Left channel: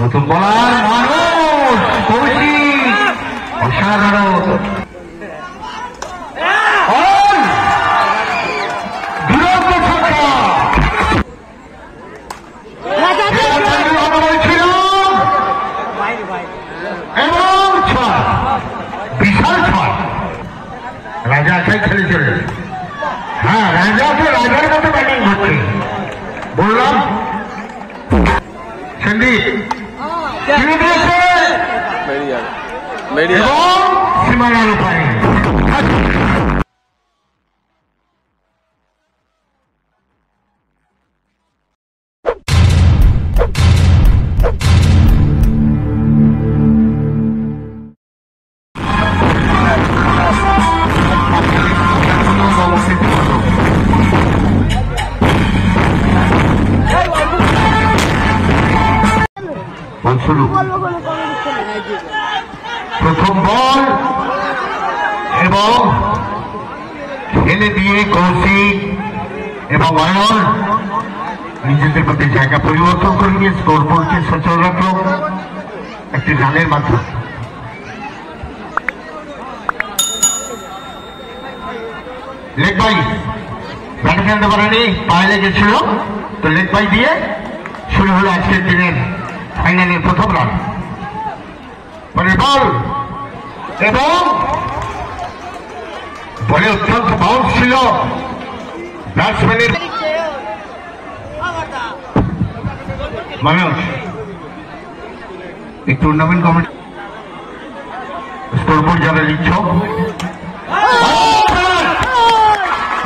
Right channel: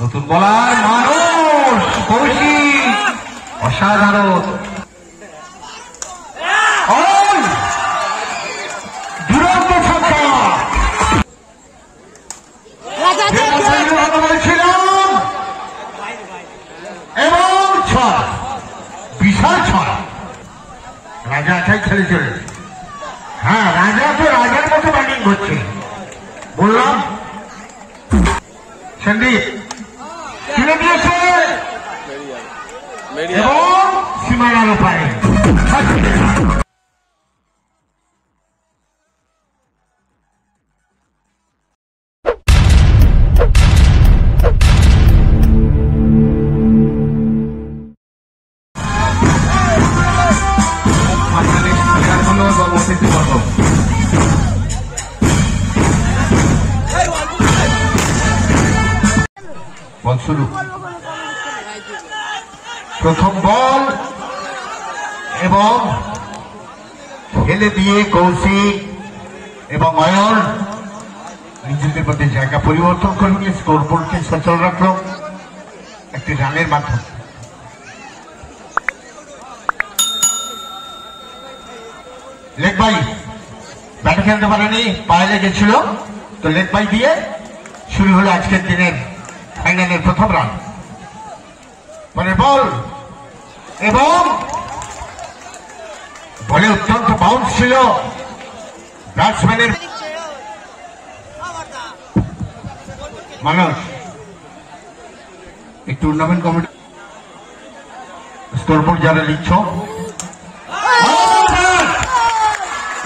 নতুন বলার মানুষ কৌশিক অসাধারণ এবং বিশাল রাজা একাই খেলেছিল। হ্যাঁ, রাজাকে রাজার মতো ব্যাটিং করছে বললাম। সন্দীপ সীমানার উপায় শুরু। প্রথম বল এবং খেলে দিয়ে কৌশিক এবং অয়ন নিজেদের মধ্যে জায়গা পরিবর্তন করে নিয়ে স্কোর বোর্ডকে সচল রাখল একটি রানের মাধ্যমে। লেগ বাই ব্যাটে ফেলতে পারেনি, পায়ে লেগেছিল, তো লেগ বাই দিয়ে শুরু হলো আজকের দিনের ফাইনালের প্রথম রান। পরের বল এবং বলে অত্যন্ত বাউন্স ছিল ব্যাটসম্যানের মানুষ। এই টুর্নামেন্ট কমিটি স্কোর বোর্ড যারা লিখছ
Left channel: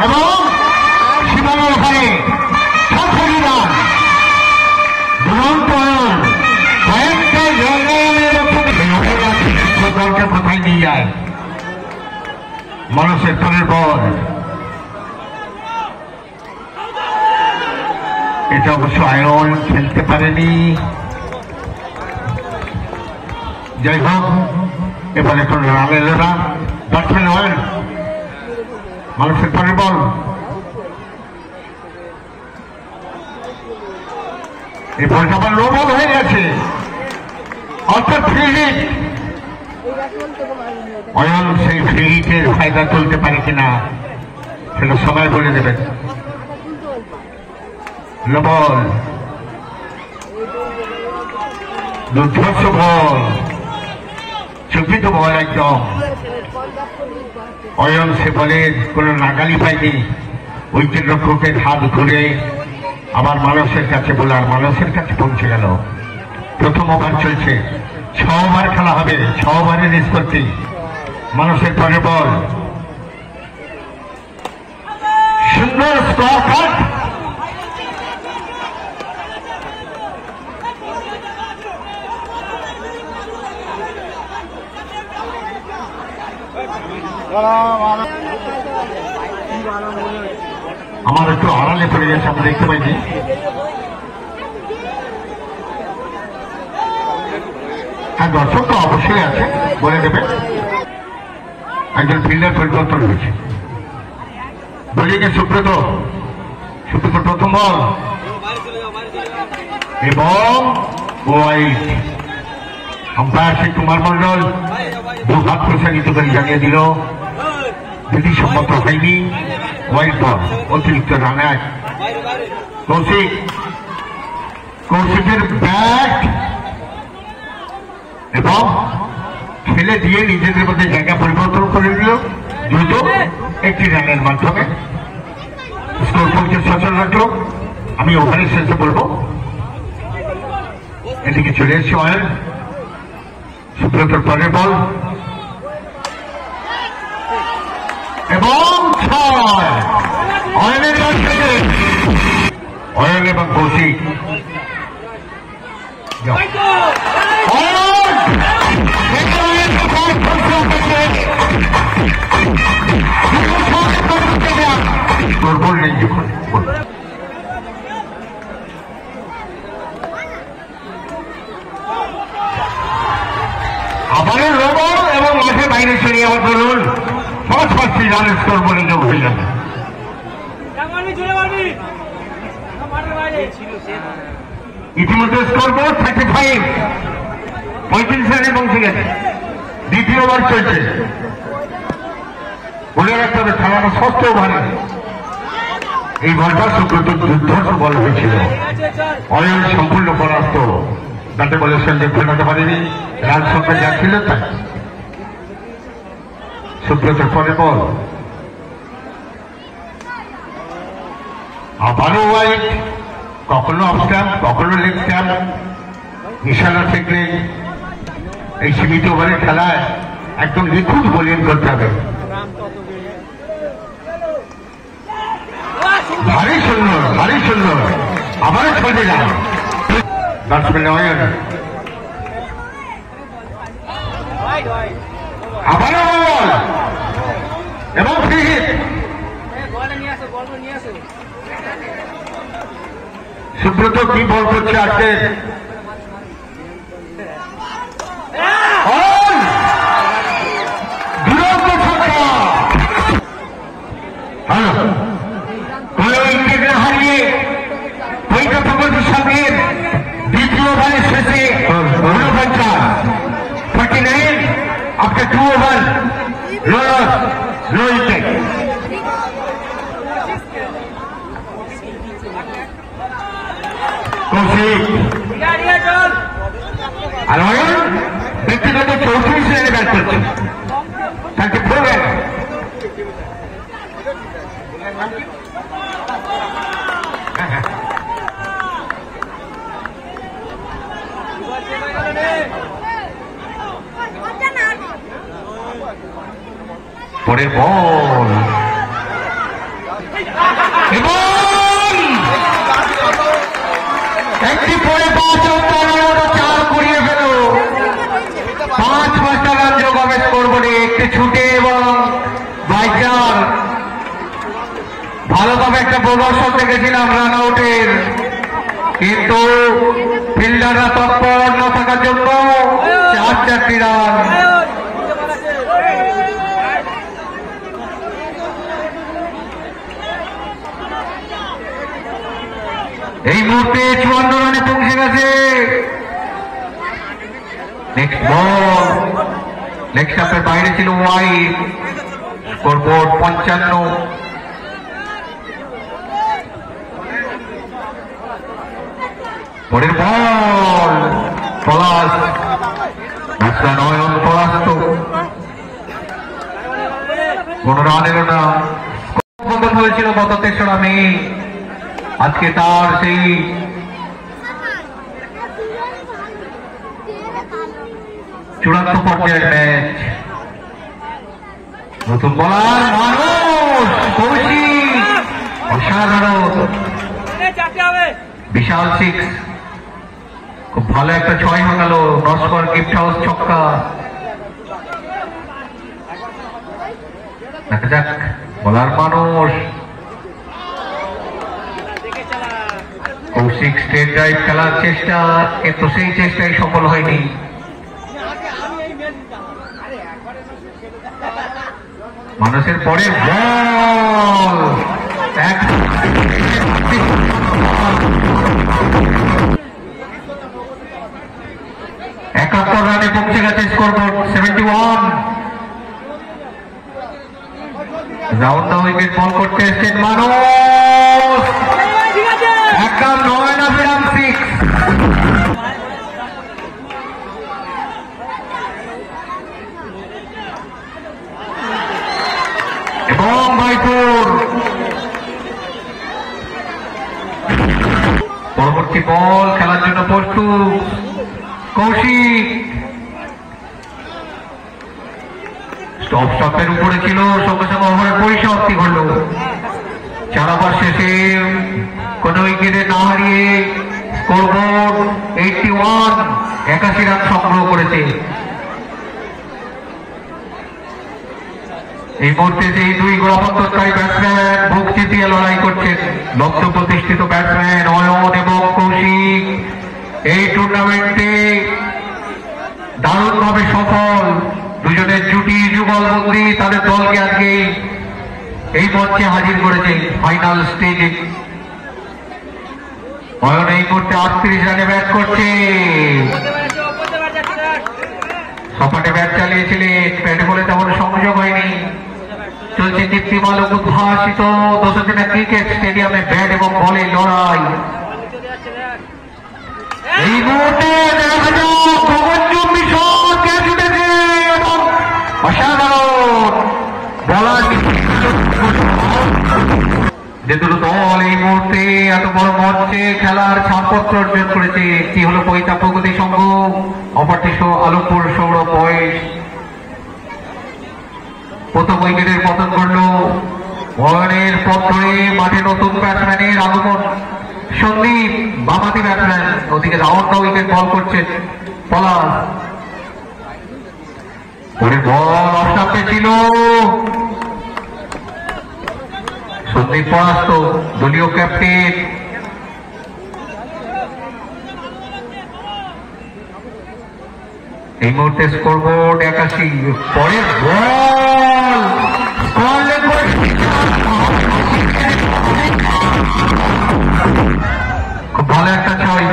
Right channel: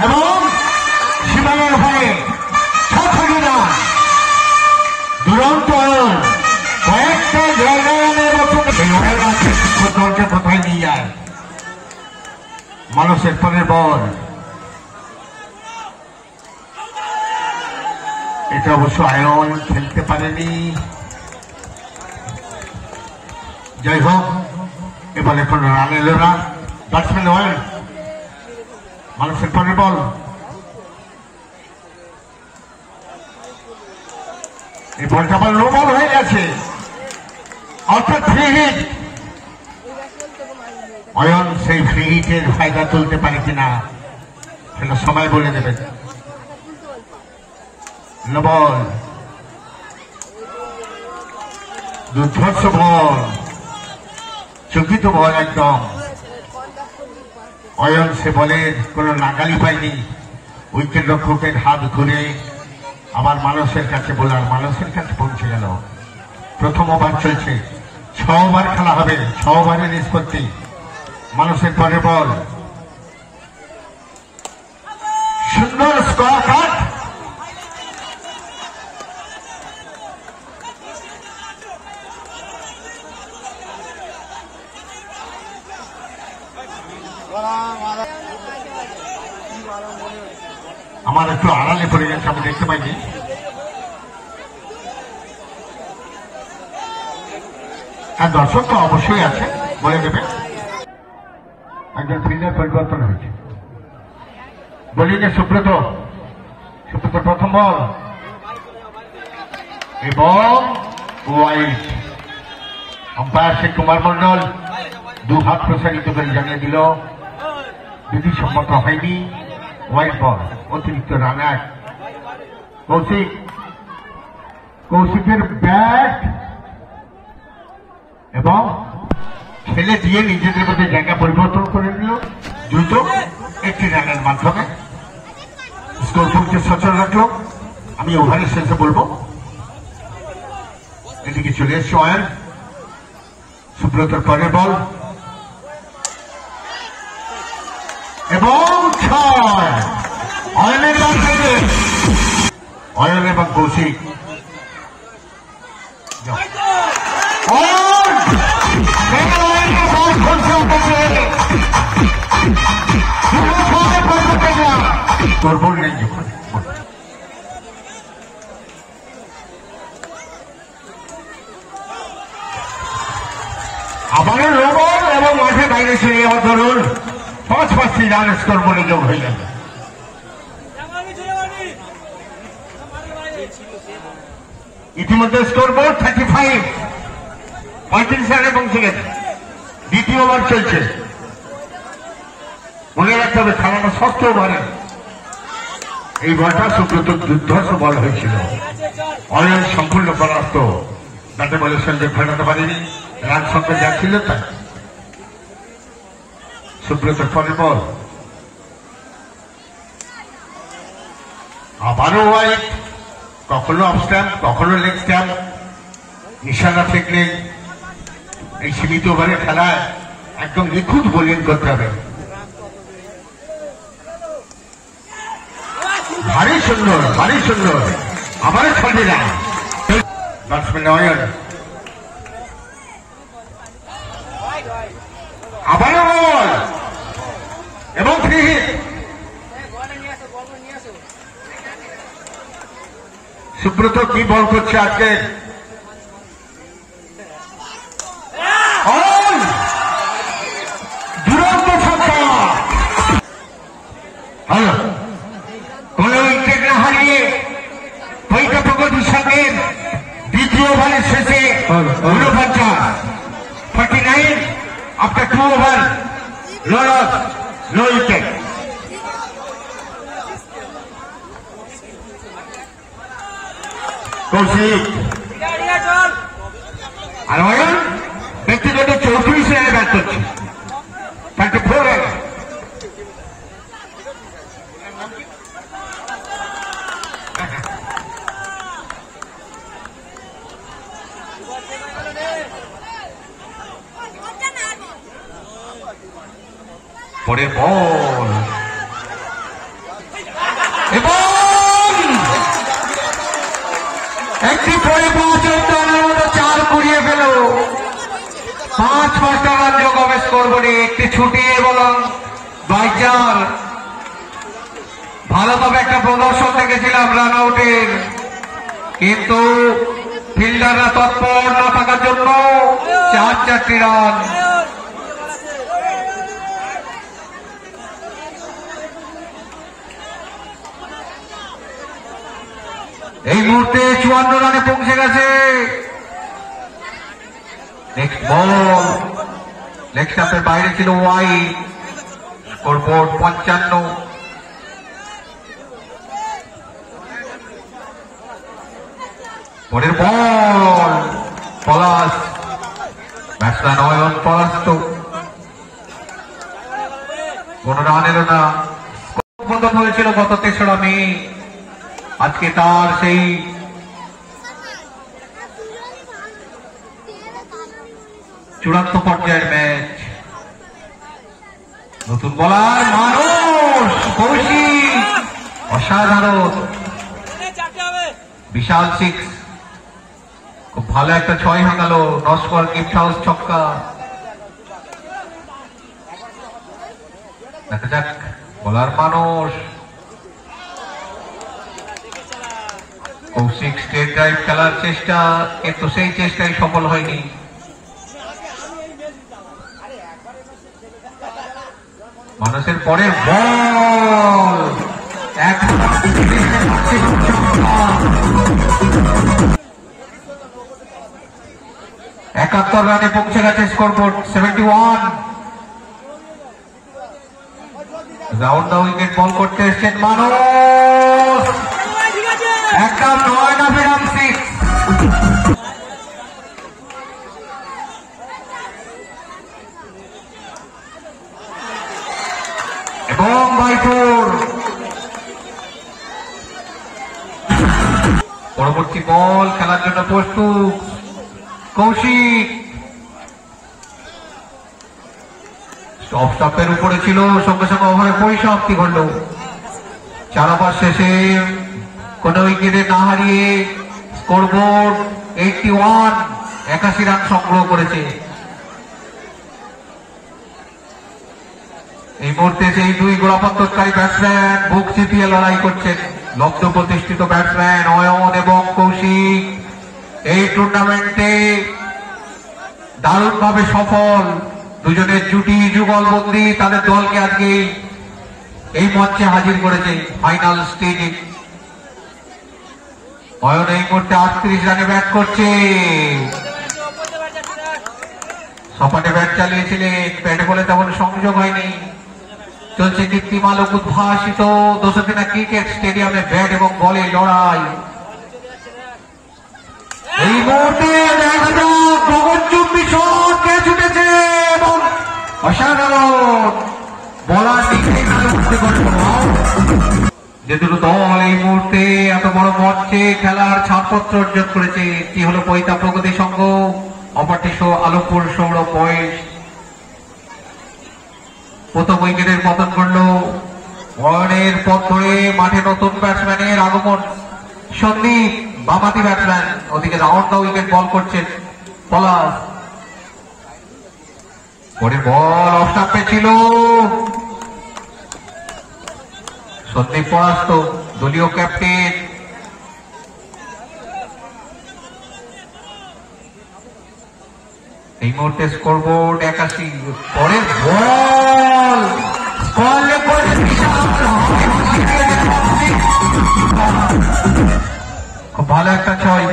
এবং সীমানার ওখানে 6 রান দুরন্ত কোথায় নিয়ে যায় মানুষের পরের বল। এটা অবশ্য আয়ন খেলতে পারেনি। যাই হোক, এবার এখন রান এলো না, ব্যাটসম্যান হয় মানুষের পরের বল। এই বলটা আমার লো বল হয়ে গেছে, অর্থাৎ ফ্রি হিট। অয়ন সেই ফ্রি হিটের ফায়দা তুলতে পারে কিনা সেটা সময় বলে দেবে। লো বল, দুর্ধর্ষ বল, চকিত বল একদম। অয়ন সে বলের কোনো নাগালি পায়নি, উইকেট রক্ষকের হাত ধরে আবার মানুষের কাছে বোলার মানুষের কাছে পৌঁছে গেল। প্রথম ওভার চলছে, 6 ওভার খেলা হবে, 6 ওভারের নিষ্পত্তি। মানুষের পরের বল, সুন্দর স্কোয়ার কাট। আমার একটু আড়ালে পড়ে গেছে, আমি দেখতে পাইনি। হ্যাঁ, দর্শক তো অবশ্যই আছে, বলে দেবে। একজন ফিল্ডার পরিবর্তন হয়েছে। বোলিংয়ে সুব্রত প্রথম বল এবং ওয়াইড। আম্পায়ার শ্রী কুমার মন্ডল 2 হাত প্রসারিত করে জানিয়ে দিল বিধি সম্মত হয়নি, ওয়াইড বল, অতিরিক্ত রান 1। কৌশিকের ব্যাট এবং খেলে দিয়ে নিজেদের মধ্যে জায়গা পরিবর্তন করে দিল দ্রুত একটি রানের মাধ্যমে। স্কোর বোর্ডকে সচল রাখলো। আমি ওভারের শেষে বলবো, এদিকে চলে এসছে অয়ন। সুব্রতর পরের বল এবং 6। অয়নের ব্যাট থেকে অয়ন এবং কৌশিক দুর্বল নেই যখন আবারও রোবল এবং মাঠে বাইরে ছেড়ে আবার ধরুন 5 রান স্কোর করে যোগ হইলেন। ইতিমধ্যে স্কোর বোর্ড 35, 35 রানে পৌঁছে গেছে। দ্বিতীয় ওভার চলছে। মনে রাখতে হবে খেলানো ষষ্ঠ ওভারে এই বলটা সুব্রত দুর্ধর্ষ বল হয়েছিল। অয়ন সম্পূর্ণ পরাস্ত, ব্যাটে বলের সঙ্গে ঘটাতে পারেনি, রান সংখ্যা যা ছিল তাই। সুব্রতের পরে বল আবারও ওয়াইড, কখনো অফ স্ট্যাম্প, কখনো লেগ স্ট্যাম্প, ইশারা থেকে এই সীমিত ওভারের খেলায় একদম নিখুঁত বোলিং করতে হবে। ভারী সুন্দর, ভারী সুন্দর, আবারও ছড়ে না ব্যাটসম্যান অয়ন, আবারও বল এবং ফ্রি হিট। সুব্রত কি বল করছে আজকে? হারিয়ে দ্বিতীয় ওভারের শেষে 49 after 2 over, no wicket. Kaushik আর অয়ন ব্যক্তিগত 34 রানে ব্যাট করছে। 34 পরের বল একটি করে 4 কুড়িয়ে গেল। 5 রান যোগ হবে স্কোরবোর্ডে। একটি ছুটে এবং বাইচার ভালোভাবে একটা প্রদর্শন দেখেছিলাম রান আউটের, কিন্তু ফিল্ডাররা তৎপর না থাকার জন্য 4টি রান। এই মুহূর্তে 54 রানে পৌঁছে গেছে। নেক্সট বল লেগ স্টাম্পের বাইরে ছিল, ওয়াইড। স্কোরবোর্ড 55। পরের বল পলাশ, ব্যাটসম্যান অয়ন পলাস্ত। কোন রান এলো না। বন্ধন হয়েছিল গত 3রা মে। আজকে তার সেই চূড়ান্ত পর্যায়ের ম্যাচ। নতুন বলার মানুষ কৌশিক, অসাধারণ, বিশাল 6। খুব ভালো একটা 6 হয়ে গেল। নস্কর গিফট হাউস ছক্কা। দেখা যাক বলার মানুষ কৌশিক স্টেট ড্রাইভ খেলার চেষ্টা, কিন্তু সেই চেষ্টায় সফল হয়নি। মানুষের পরের বল 71 রানে পৌঁছে গেছে স্কোরবোর্ড 71। রাউন্ড উইকেট বল করতে এসছেন মানুষ, একদম 6 এবং বাইপুর। পরবর্তী বল খেলার জন্য প্রস্তুত কৌশিক। স্টপের উপরে ছিল, সঙ্গে সঙ্গে ওভারের পরিসমাপ্তি ঘটল। 4 ওভার শেষে কোন উইকেটে না হারিয়ে স্কোরবোর্ড 81, 81 রান সংগ্রহ করেছে। এই মুহূর্তে সেই 2 গোড়াপত্তকারী ব্যাটসম্যান বুক চিতিয়ে লড়াই করছেন। লক্ষ্য প্রতিষ্ঠিত ব্যাটসম্যান অয়ন এবং কৌশিক এই টুর্নামেন্টে দারুণভাবে সফল। দুজনের জুটি যুগলবন্দি তাদের দলকে আজকে এই মঞ্চে হাজির করেছে ফাইনাল স্টেজে। অয়ন এই মুহূর্তে 38 রানে ব্যাট করছে। সপাটে ব্যাট চালিয়েছিলেন, ব্যাটে বলে তেমন সংযোগ হয়নি। চলছে দীপ্তিমালক উদ্ভাসিত 200 দিনের ক্রিকেট স্টেডিয়ামে ব্যাট এবং বলে লড়াই। এই মুহূর্তে দেখা যাক প্রবঞ্চক মিশন কে ছুটেছে এবং অসাধারণ বলার যে দুটো দল এই মুহূর্তে এত বড় মঞ্চে খেলার ছাড়পত্র অর্জন করেছে। একটি হলো পৈতা প্রগতি সংঘ, অপরটি আলমপুর সৌর বয়স। প্রথম উইকেটের পতন করল। অয়নের পথ ধরে মাঠে নতুন ব্যাটসম্যানের আগমন। সন্দীপ বামাতি ব্যাটসম্যান, ওদিকে রাউন্ড উইকেট বল করছেন পলাশ। বল অফ ছিল, সন্দীপ পরাস্ত, দলীয় ক্যাপ্টেন। এই মুহূর্তে স্কোরবোর্ড 81। পরের খুব ভালো একটা ছয়।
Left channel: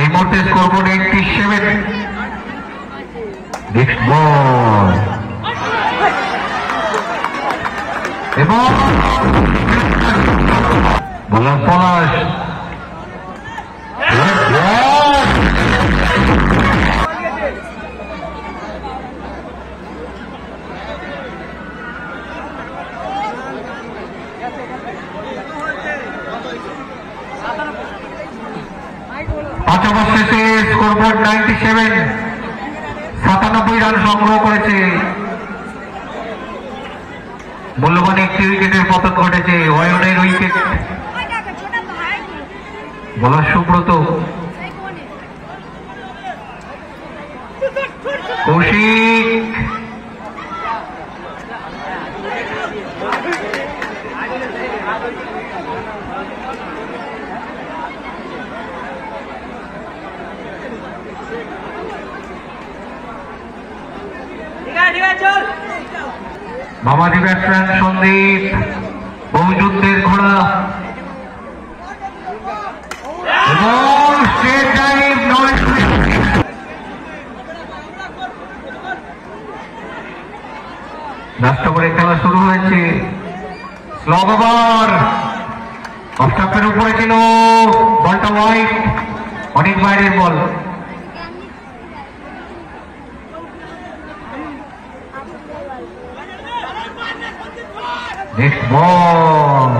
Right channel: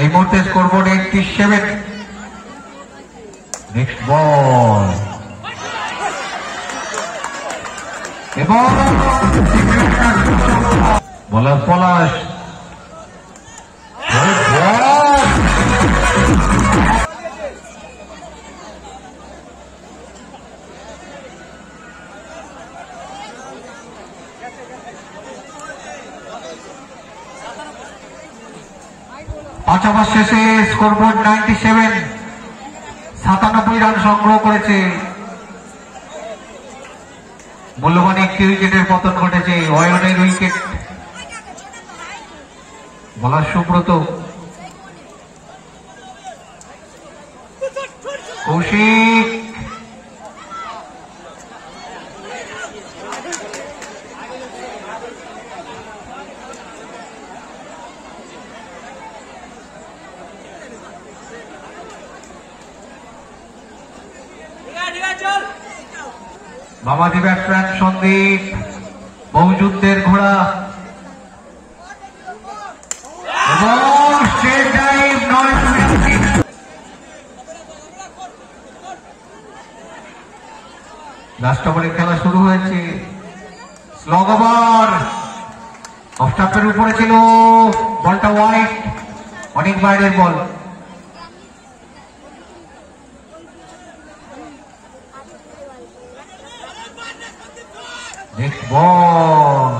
এই মুহূর্তে স্কোরবোর্ড 87। নেক্সট বল এবং বলার পলাশ। পাঁচ ওভার শেষে স্কোরবোর্ড 97, 97 রান সংগ্রহ করেছে। মূল্যবান একটি উইকেটের পতন ঘটেছে। অয়নের উইকেট। বলার সুব্রত, কৌশিক, মামাজি ব্যাটসম্যান সন্দীপ, বহুযুদ্ধের ঘোড়া লাস্ট ওভারে খেলা শুরু হয়েছে। স্লগ ওভার, অফ স্টাম্পের উপরে ছিল, বলটা ওয়াইড, অনেক বাইরের বল। নেক্সট বল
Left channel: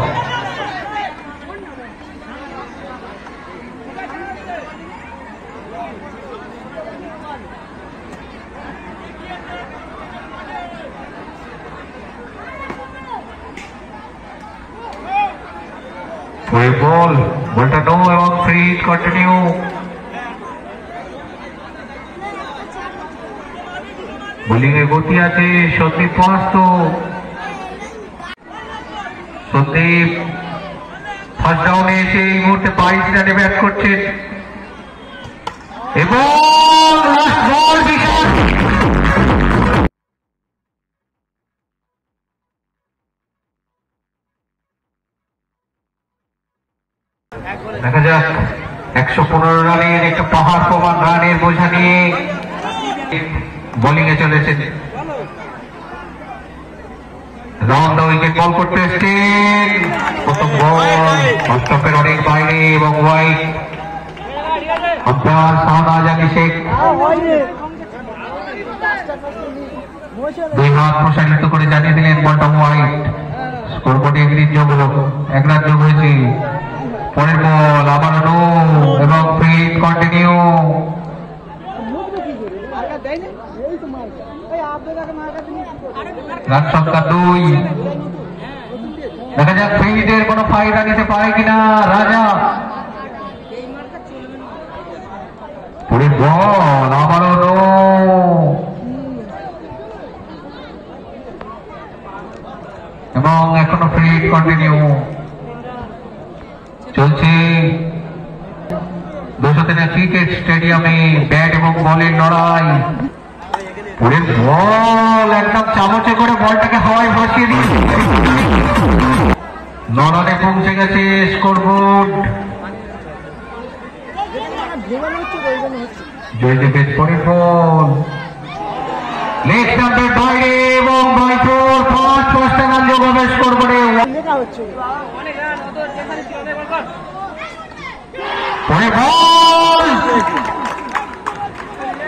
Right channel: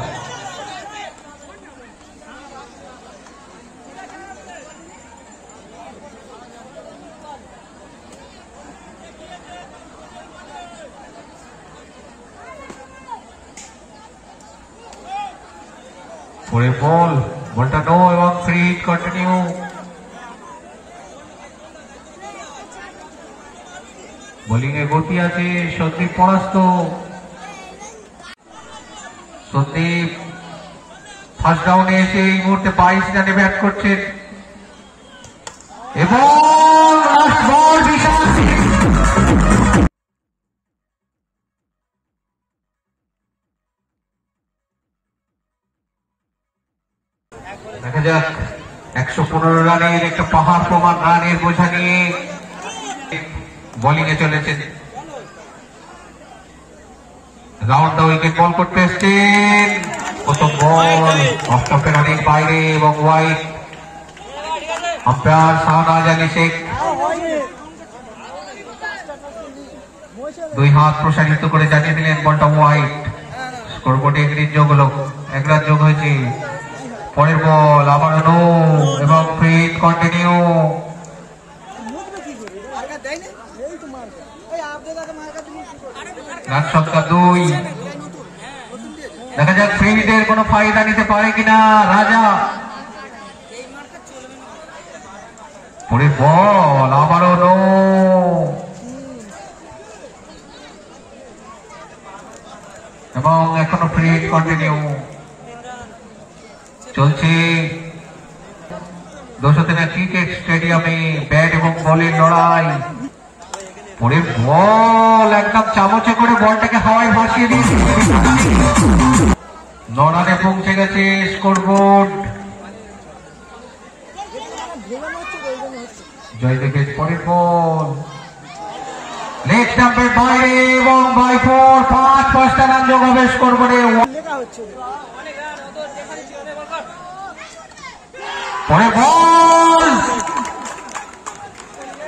বল, বলটা নো এবং ফ্রি হিট কন্টিনিউ। বোলিং এর গতি আছে। সন্দীপ পরাস্ত। সন্দীপ ফার্স্ট ডাউনে এসে এই মুহূর্তে 22 রানে ব্যাট করছেন এবং দেখা যাক 115 রানের একটা পাহাড় প্রমাণ রানের বোঝা নিয়ে বোলিং এ চলেছেন। রাউন্ড উইকেট বল করতে এসছেন। প্রথম বল অফ স্টাম্পের অনেক বাইরে এবং ওয়াইড। আব্বাস শাহনাজ আলী শেখ দুই হাত প্রসারিত করে জানিয়ে দিলেন বলটা ওয়াইড। স্কোরবোর্ডে গ্রিন যোগ হলো, 1 রান যোগ হয়েছে। পরের বল আবার নো এবং ফিট কন্টিনিউ। রান সংখ্যা 2। দেখা যাক ফিল্ডের কোন ফায়দা নিতে পারে কিনা রাজা। পরের বল আবারও নো এবং এখনো ফিট কন্টিনিউ চলছে। 200 দিনের ক্রিকেট স্টেডিয়ামে ব্যাট এবং বলের লড়াই। পরের বল একদম চামচে করে বলটাকে হাওয়ায় ভাসিয়ে দিয়েছে। 9 রানে পৌঁছে গেছে স্কোরবোর্ড জয়দেবের পরের বল লেগ স্টাম্পের বাইরে এবং বাই ফোর ফার্স্ট রান যোগাবেশ করবে।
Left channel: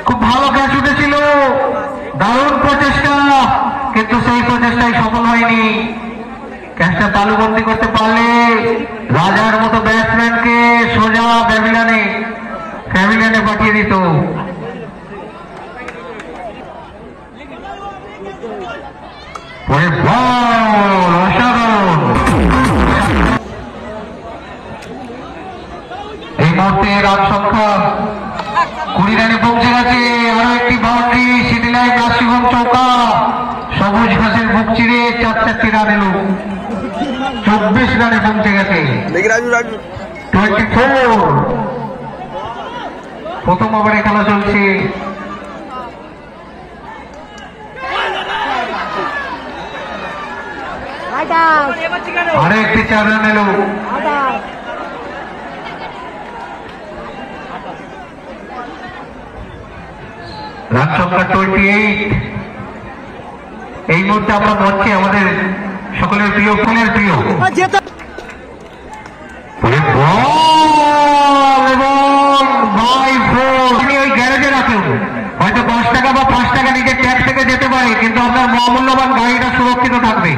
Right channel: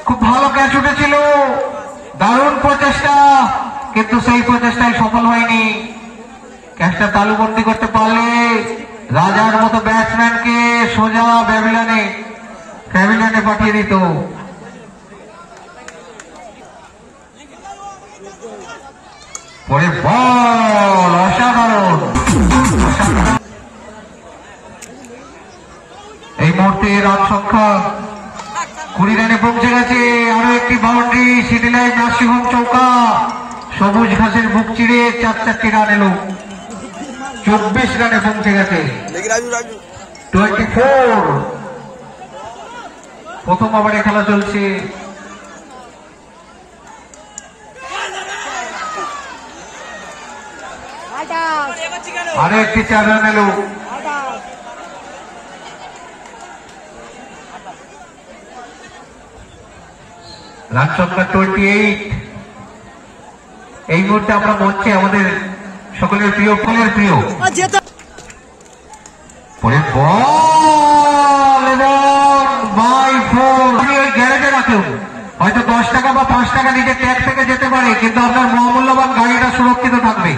খুব ভালো ক্যাচ উঠেছিল, দারুণ প্রচেষ্টা, কিন্তু সেই প্রচেষ্টায় সফল হয়নি। ক্যাচটা তালুবন্দি করতে পারলে রাজার মতো ব্যাটসম্যানকে সোজা প্যাভিলিয়নে পাঠিয়ে দিত। বল অসাধারণ। এই মুহূর্তে রান সংখ্যা 20 রানে পৌঁছে গেছে। আরো একটি বাউন্ডারি, সিটি লাইন নাসিম চৌকা, সবুজ ঘাসের বুক চিড়ে 4 রান এলো। 24 রানে পৌঁছে গেছে। 24। প্রথম ওভারে খেলা চলছে। আরো একটি 4 রান এলো। রান সংখ্যা 28। এই মুহূর্তে আমরা মঞ্চে আমাদের সকলের প্রিয় গ্যারেজে রাখুন। হয়তো 10 টাকা বা 5 টাকা নিজের ট্যাক্স থেকে যেতে পারে, কিন্তু আপনার মহামূল্যবান গাড়িটা সুরক্ষিত থাকবে।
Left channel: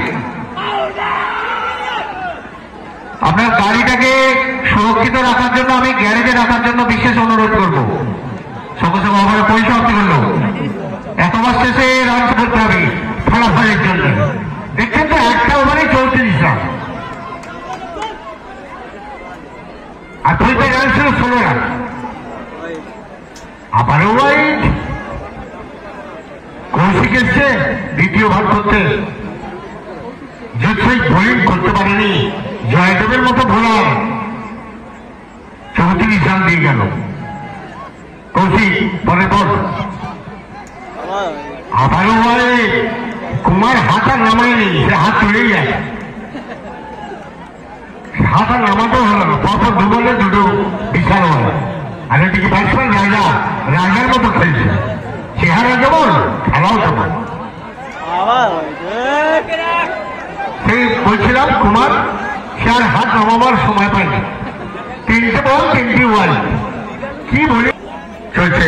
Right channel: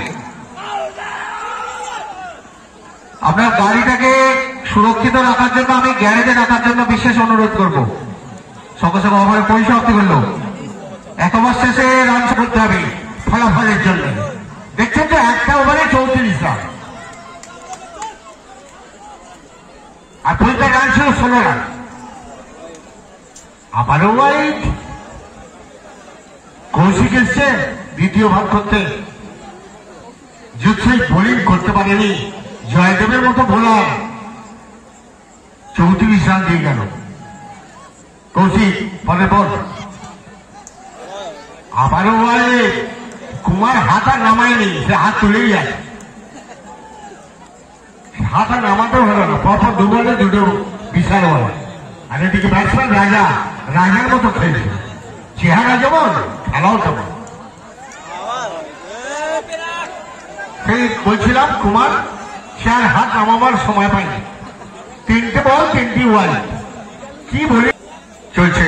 আপনার গাড়িটাকে সুরক্ষিত রাখার জন্য আমি গ্যারেজে রাখার জন্য বিশেষ অনুরোধ করব। সকল ওভারের পরিসমাপ্তি করল। 1 ওভার শেষে রান করতে হবে ফলাফলের জন্য। দেখছেন তো, একটা ওভারে 34 রান আর 2টা রান ছিল 16 রান। আবারও ওয়াইড। কৌশিক এসছে দ্বিতীয় ভাগ করতে। যুদ্ধই বোলিং করতে পারেনি, জয়দেবের মতো বোলার 34 রান দিয়ে গেল। কৌশিক পরে বল আবারও বলে কুমার হাতা নামায়নি, সে হাত তুলেই যায়। হাতা নামাতেও হলো না, পরপর দুবলে দুটো বিশাল হলো। আর এদিকে ব্যাটসম্যান রাজার মতো খেলছে। চেহারা যেমন, খেলাও তেমন। সেই বলছিলাম কুমার সে আর হাত নামাবার সময় পায়নি। 3টে বল 3টি ওয়াইড। কি বলে চলছে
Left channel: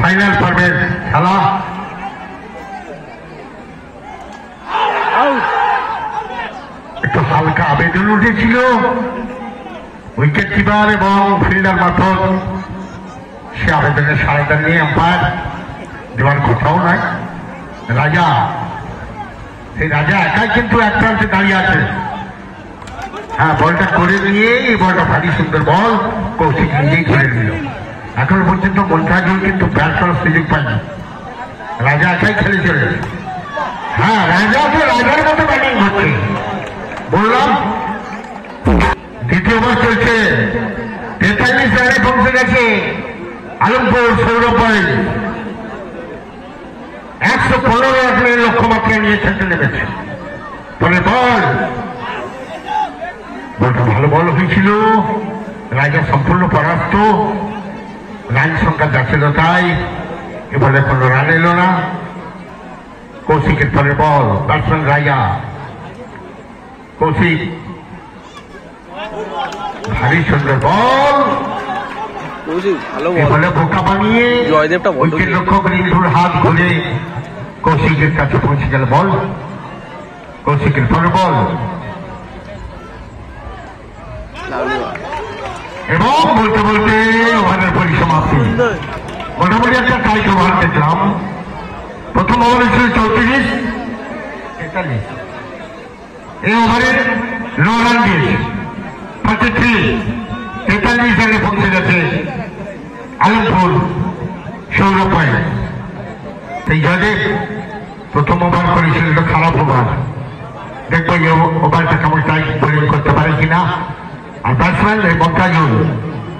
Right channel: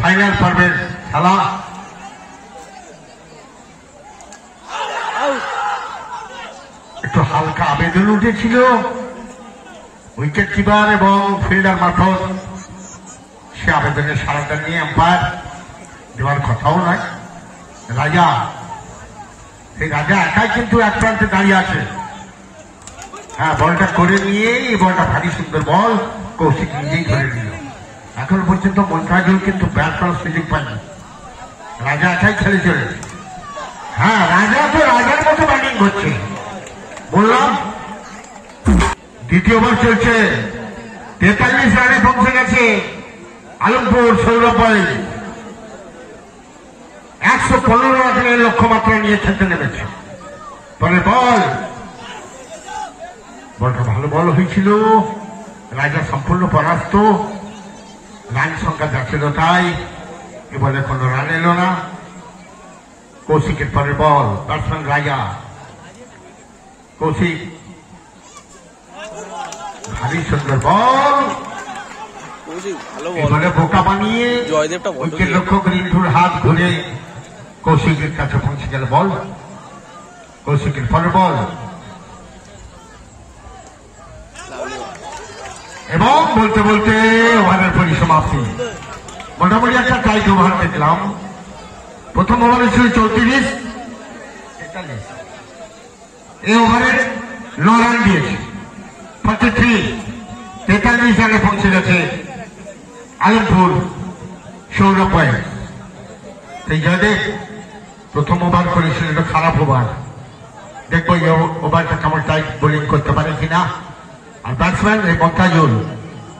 ফাইনাল পর্বের খেলা। একটু হালকা আবেদন উঠেছিল উইকেট কিপার এবং ফিল্ডার মারফত। সে আবেদনের সাহায্য নিয়ে আম্পায়ার দেওয়ার কোথাও নাই। রাজা, সেই রাজা একাই কিন্তু এক প্রান্তে দাঁড়িয়ে আছে। হ্যাঁ, বলটা করে নিয়ে এই বলটা ভারী সুন্দর বল কৌশিক নিজেই ধরে নিল। এখনো পর্যন্ত মন্ত্রাজল কিন্তু ব্যাট করার সুযোগ পায়নি। রাজা একাই খেলে চলে। হ্যাঁ, রাজা যে রাজার মতো ব্যাটিং করছে বললাম। দ্বিতীয় ওভার চলছে। 43 রানে পৌঁছে গেছে আলমপুর সৌরভ ভাই। 115 রানের লক্ষ্যমাত্রা নিয়ে খেলতে নেমেছে। বলে বলটা ভালো বল হয়েছিল। রাজা সম্পূর্ণ পরাস্ত। রান সংখ্যা যাচ্ছিল তাই। এবারে কোনো রান এলো না। কৌশিকের পরের বল, ব্যাটসম্যান রাজা। কৌশিক ভারী সুন্দর বল, বলে বোকা বানিয়ে উইকেট রক্ষক রিন্টুর হাত ঘুরে কৌশিকের কাছে পৌঁছে গেল বল। কৌশিকের পরের বল এবং বলতে বলতে ওভারের পরিসমাপ্তি। মোটামুটি একটা টাইট ওভার দেখলাম। প্রথম ওভারে ছিল 34, 43। এই ওভারে 9 রান দিয়েছে 33। 43 রানে পৌঁছে গেছে আলমপুর সৌরভ ভাই। সেই জয়দেব প্রথম ওভার করেছিল, এটা খারাপ ওভার। দেখবো এই ওভারটা কেমন টাইট বোলিং করতে পারে কিনা। আর ব্যাটসম্যান এই মন্ত্রাজল,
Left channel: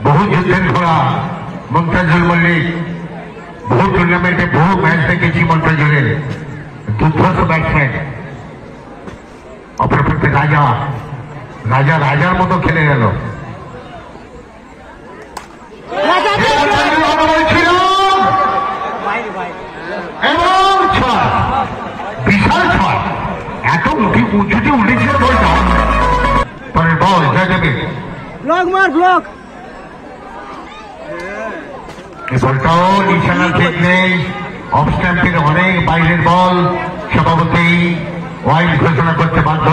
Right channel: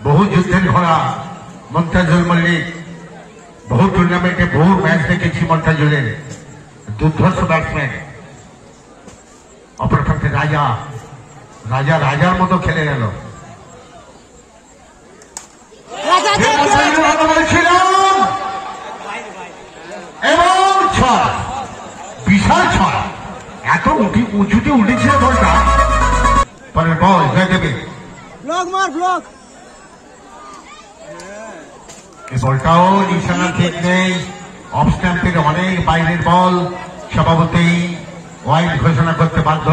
বহু যুদ্ধের ধরা মন্ত্রাজল মল্লিক। বহু টুর্নামেন্টে বহু ম্যাচ দেখেছি মন্ত্রাজলের। দুর্ধর্ষ ব্যাটসম্যান। অপরপক্ষে রাজার মতো খেলে গেল। ছিল উঁচুতে উঠেছে বলটা, পরে বল জয়দেবের। ব্লক মার ব্লক। এই বলটাও নিশানা ঠিক নেই, অফ স্ট্যাম্পের অনেক বাইরের বল, সভাপতি ওয়াইড ঘোষণা করতে বাধ্য।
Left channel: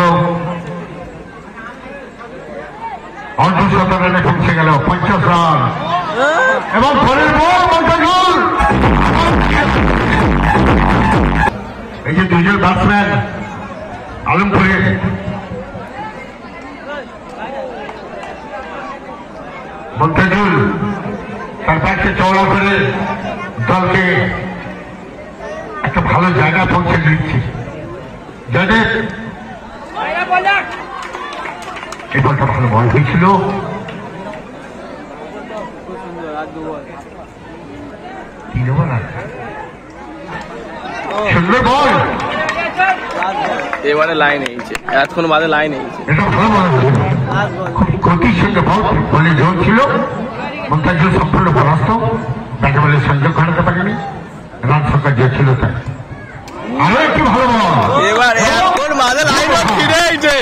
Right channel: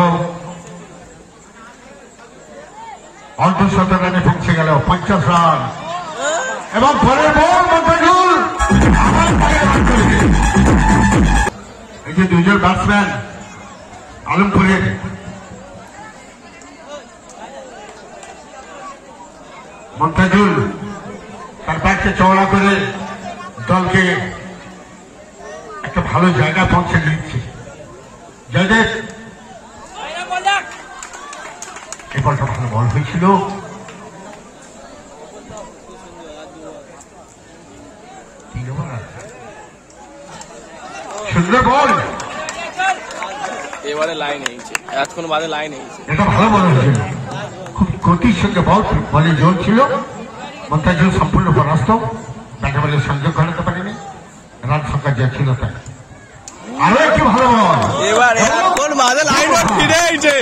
অর্ধ 17 রানে পৌঁছে গেল, 50 রান এবং পরের বল মন্তাজুল। এই যে দুজন ব্যাটসম্যান আলমপুরের, মন্তাজুল তার ব্যাটকে চওড়া করে দলকে একটা ভালো জায়গা পৌঁছে দিচ্ছে। জয়দেব এই বলটা ভালো বল হয়েছিল, সুন্দর বল, এবারে লাইন এইছে, এতক্ষণ বাদে লাইন এইছে। এটা ভালো বল হয়েছিল, খুব গতির সঙ্গে বল, বলে জোর ছিল। মন্তাজুল সম্পূর্ণ পরাস্ত, ব্যাটে বলে সংযোগ ঘটাতে পারেনি, রান সংখ্যা যে ছিল তাই। আরো একটি ভালো বল, এবার এতক্ষণ বাদে লাইন ফিরে এইছে,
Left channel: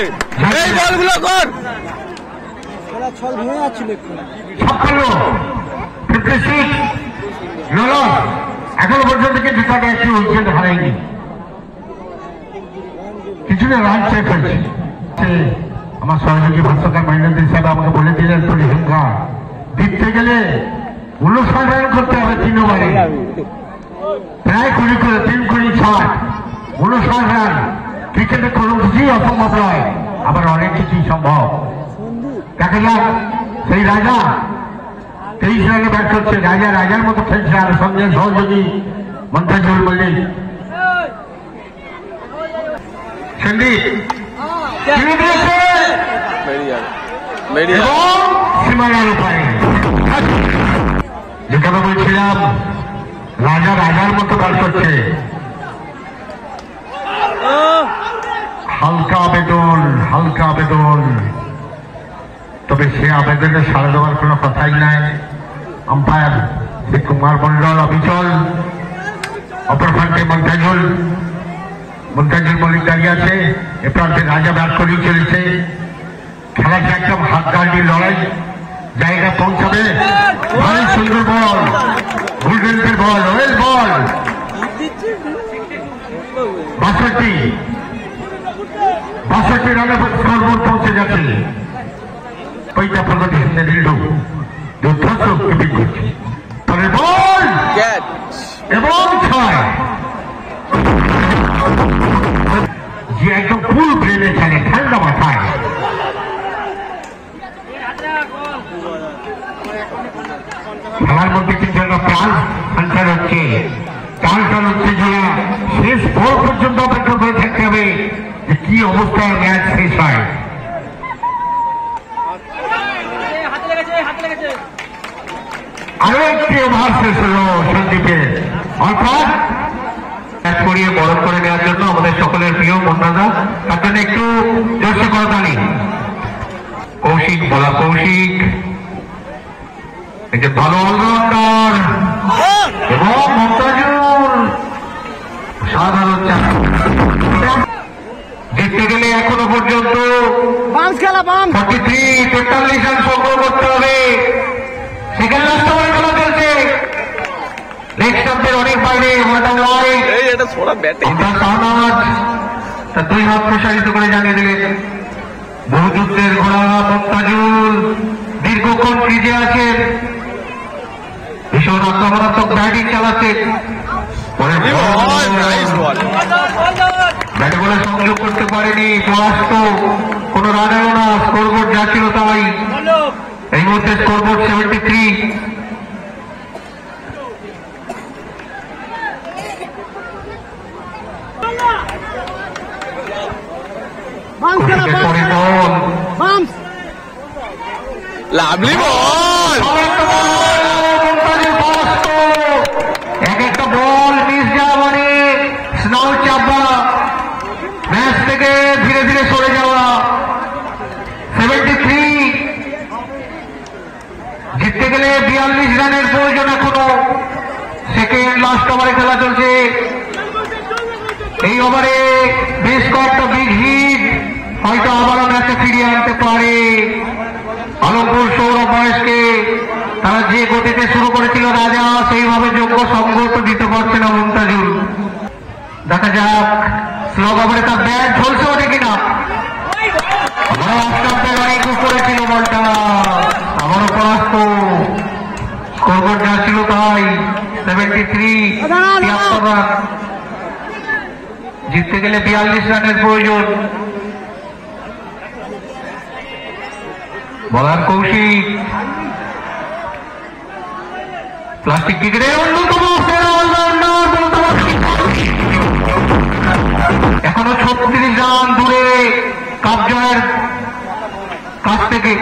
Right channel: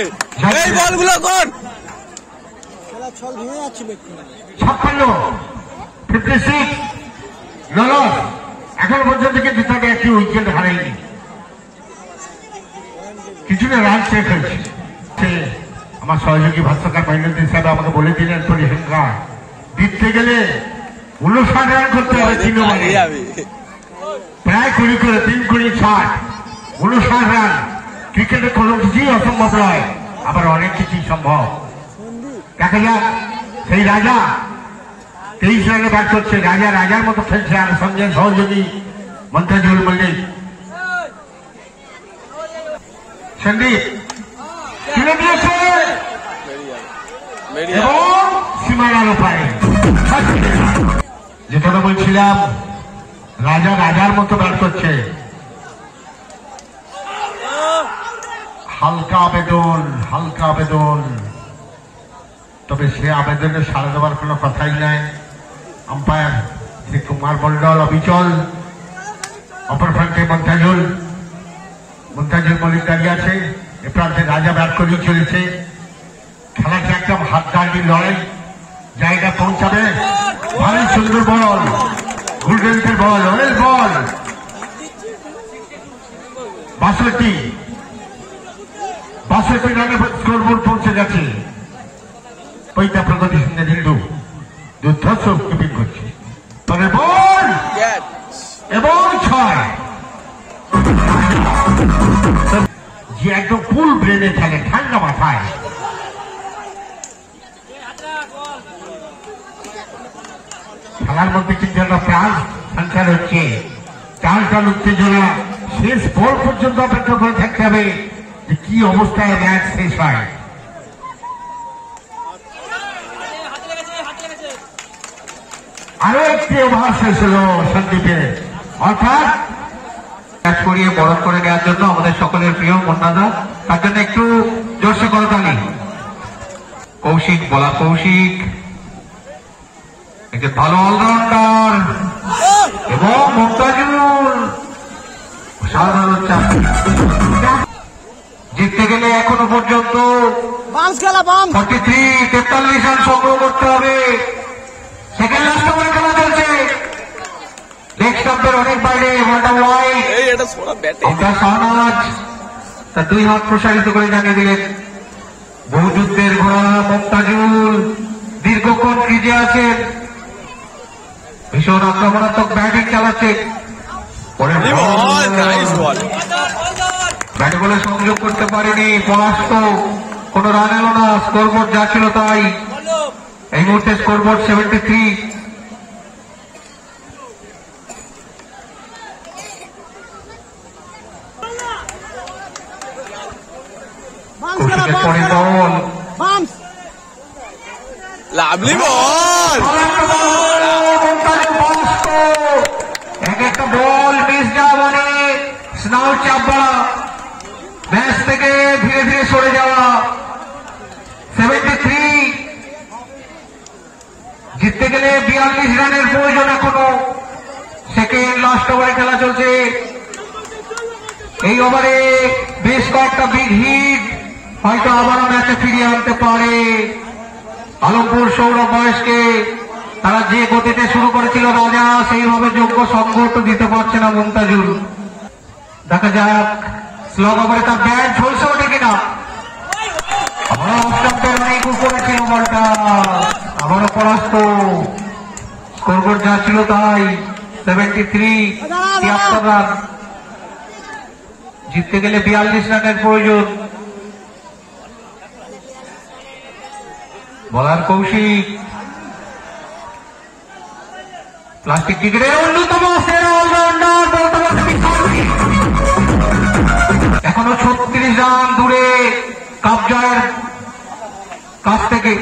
এই বলগুলো কর। ছল ভেঙে যাচ্ছিল একটু। 56 এখনো পর্যন্ত কিন্তু তাকে একটি উইকেট হারায়নি, কিছুটা রান শেষ হয়েছে। আমার সহযোগী ভাষ্যকার মহিন্দ্র সাহেব আমাকে বলে দিলেন পরিসংখ্যা দিতে গেলে 59 রান করতে হবে, চিহ্নবারে প্রায় 20 করে 3 20 60 59 রান। ক্রিকেটে কোনো কিছুই অসম্ভব নয়, আবার অনেক কিছুই সম্ভব। দেখা যাক সেই রাজা 23 রানে ব্যাট করছে, রাজা রাজার মতো খেলছে, আর সঙ্গে সহযোগী মন্তাজুল মল্লিক। সন্দীপ তুলে দিয়েছে এবং সীমানার উপায়, যে কথা বলছিলাম রাজা রাজার মতো ব্যাট করছে। হালকা আবেদন, হালকা আবেদন, তবে সে আবেদনে সাড়া দেওয়ার কোনো কথাই নাই। আম্পায়ার শ্রী কুমার মন্ডল অবিচল, অপর প্রান্তে মন্তাজুল মল্লিক দাঁড়িয়ে আছে, এ প্রান্তে রাজা ব্যাট করেই চলেছে। খেলাটা একদম হাতগাড়ির লড়াই, জায়গা পৌঁছাবে। ভাই সুন্দর বল, উইকেটের বল, ওয়েল বল, 62 রানে স্কোরবোর্ড পৌঁছে গেছে। পৈতা প্রগতি সামনে রিল্ডু যুদ্ধ কিপিং করছে, পরের বল এবং 6। যে একদম ফুল ব্রেনে খেলে, ঠান্ডা মাথায়। খেলার মধ্যে কিন্তু একটা প্রাণ সঞ্চার হচ্ছে, টান হচ্ছে যারা শেষ বল পর্যন্ত অপেক্ষা করে থাকতে হবে যে কি অবস্থায় ম্যাচ শেষ হয়। আরো একটি ওভার শেষ হলো সন্দীপের, অর্থাৎ করিয়ে বরফ করে দেওয়ার জন্য আমাদের সকলের প্রিয় মন্দাদা, তার জন্য একটু জোরসে করতালি। কৌশিক বলা, কৌশিক এই যে ভালো অলরাউন্ডার এবং মন্তাজুল জিততে গেলে এখনো পর্যন্ত 43 রান সংগ্রহ করতে হবে। সেখানে রাষ্ট্রপতি খেলা চলছে, লেগ স্টাম্পের অনেক বাইরে, তার 2 হাত প্রসারিত করে জানিয়ে দিলেন বহুযুদ্ধের ঘোড়া মন্তাজুল দীর্ঘক্ষণ ক্রিজে আছেন, ভীষণ আক্রমণাত্মক ব্যাটিং চালাচ্ছে, ব্যাটে বলে সংযোগ করতে পারেনি, কোন রান এলো না, স্কোরবোর্ড যা ছিল তাই। এই মুহূর্তে স্কোরবোর্ড 73। লাভলি বল, এক একটা বল মিস যাওয়া মানে স্নাউট চাপা, ম্যাচ থেকে ধীরে ধীরে সরে যাওয়া। 73 জিততে গেলে 42 রানের প্রয়োজন এখনো। সেকেন্ড লাস্ট ওভারে খেলা চলছে, এই ওভারে বেশ কয়েকটা বিগ হিট, হয়তো আবারও ম্যাচে ফিরিয়ে আনতে পারে আলমপুর সৌরভ বয়সকে। তারা যে গতিতে শুরু করেছিল রাজা সেইভাবে যোগ্য সংঘর্ষ দিতে পারছে না মুমতাজুল। দেখা যাক স্লো ওভারে তার ব্যাট ঝলসে ওঠে কিনা। করেছিল বলটা আবারও পরাস্ত। স্কোরবোর্ড যা ছিল তাই 73 রান। জিততে গেলে 42 রানের প্রয়োজন। বলার কৌশিক প্লাস্টিক ক্রিকেটের অন্যতম এখনো 36 রান দূরে কাপ জয়ের কাছ থেকে।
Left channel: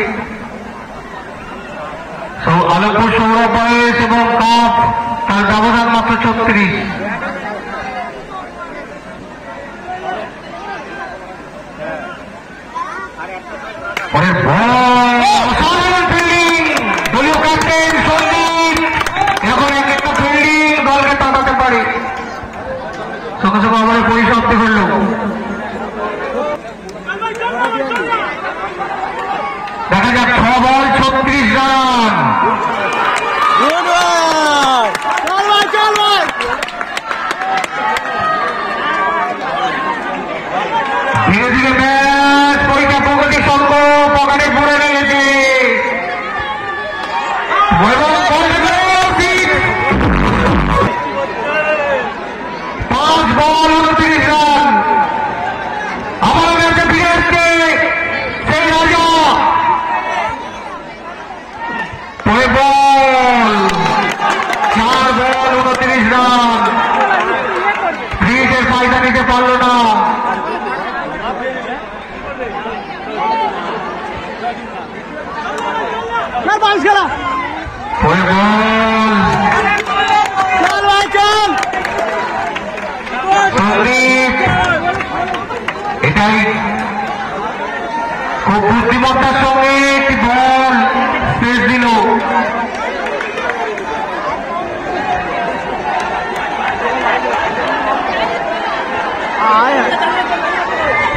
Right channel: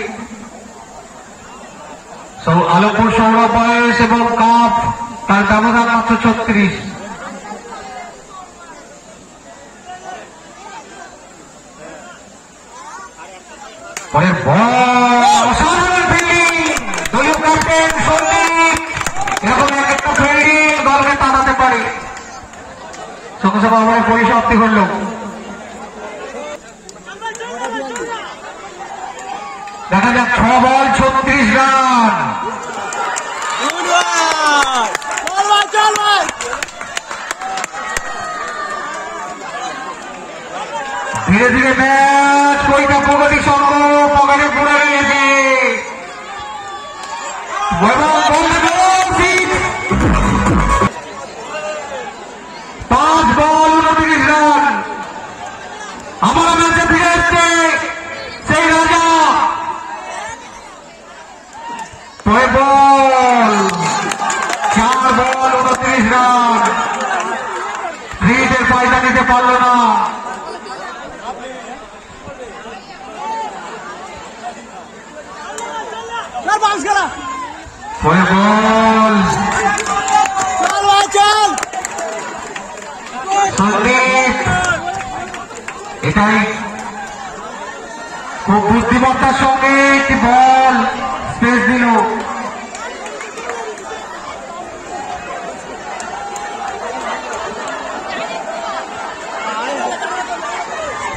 আলমপুর সৌরভ বয়স এবং কাপ তার ব্যবধান মাত্র 36। সঙ্গে সঙ্গে আমার পরিসমাপ্তি হল। দেখা যাক 6 বল 36 রান। ধীরে ধীরে ম্যাচ পরিণত প্রগতি সম্ভব পকেটে পড়ে রয়েছে। 5 বল 29 রান। আবার ম্যাচে ফিরে আসছে সেই রাজা। 4 বল 29 রান। ফ্রিজে ফায়দা নিতে পারল না। এটাই খুব বুদ্ধিমত্তার সঙ্গে একটি বল স্পেস দিল।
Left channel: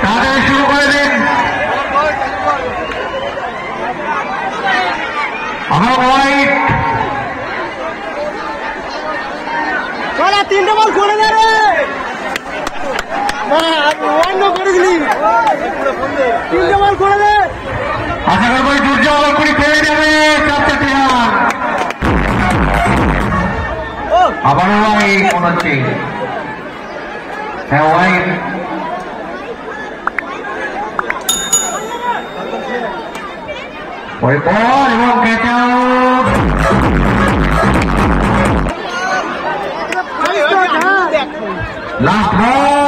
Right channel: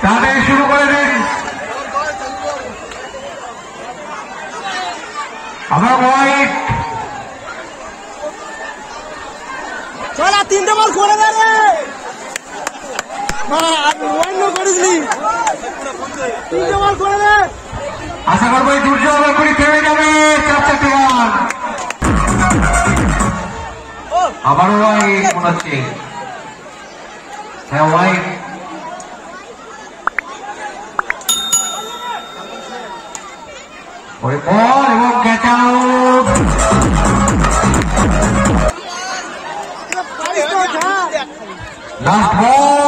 তাদের শুরু করে দেন। আমার হোয়াইট 3টে বল করে দেবে। অন্য করিসনি 3টে বল করে দে। আশা করবো দুর্যোগ করে ফেলে যাবে 4টে প্লেয়ার। আবারও হোয়াইট হচ্ছে। হ্যাঁ হোয়াইট ওই বল এবং ক্যাচ আউট। লাস্ট বল